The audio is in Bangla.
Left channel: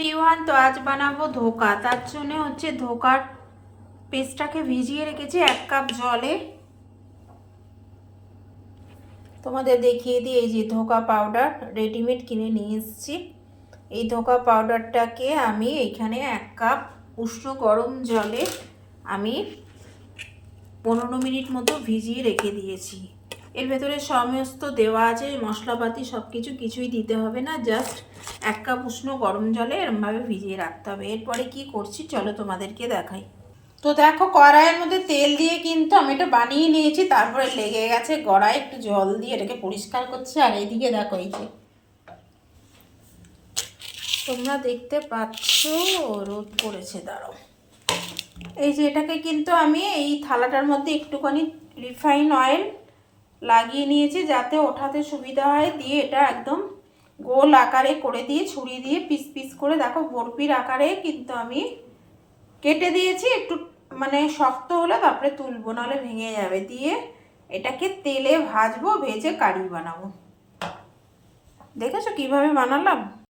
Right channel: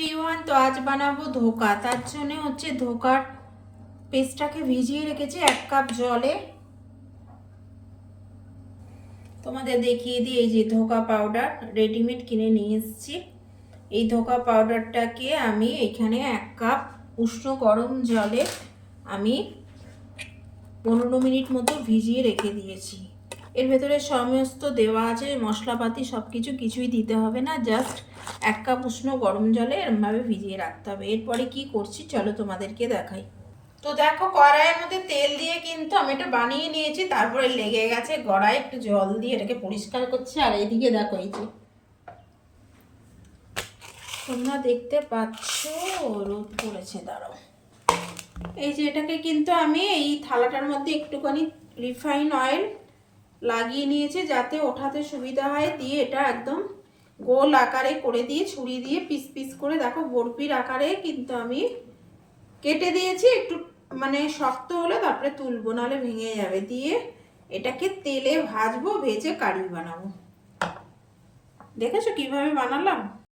এভরিওয়ান, তো আজ বানাবো ধোকা। তার জন্য হচ্ছে ধোকার পেস্টটাকে ভিজিয়ে রেখেছি 1 কাপ জলে। তোমাদের দেখিয়ে দিই, এই যে ধোকা পাউডার রেডিমেড কিনে নিয়ে এসেছি। এই ধোকা পাউডারটাকে আমি এখানে 1 কাপ উষ্ণ গরম জলে আমি 15 মিনিট মতো ভিজিয়ে রেখে দিয়েছি। এর ভেতরে সমস্ত দেওয়া আছে, মশলাপাতি সব কিছুই দিতে হবে না, জাস্ট 1 কাপ উষ্ণ গরম জলে এরমভাবে ভিজিয়ে রাখতে হবে। এরপরে কি করছি চলো তোমাদেরকে দেখাই। তো দেখো, কড়াইয়ের মধ্যে তেল দিয়ে কিন্তু আমি এটা বানিয়ে নিয়েছি, তারপরে লেগে গেছে কড়াই, একটু জল দিয়ে এটাকে পরিষ্কার করছি। আর এইদিকে দেখো, এই যে তোমরা দেখতে পাচ্ছ রোদ পড়েছে, দাঁড়াও। এই যে এটাকে কিন্তু আমি এই থালাটার মধ্যে একটুখানি রিফাইন অয়েল লাগিয়ে নিয়েছি যাতে ওঠাতে সুবিধা হয়। দিয়ে এটা একদম গোল আকারে করে দিয়ে ছুরি দিয়ে পিস পিস করে দেখো বরফির আকারে কিন্তু আমি কেটে দিয়েছি। একটু মানে শক্ত হলে তারপরে তুলবো, নাহলে ভেঙে যাবে। দিয়ে এটাকে তেলে ভাজবো, ভেজে কারি বানাবো। দেখেছো কিভাবে বানালাম?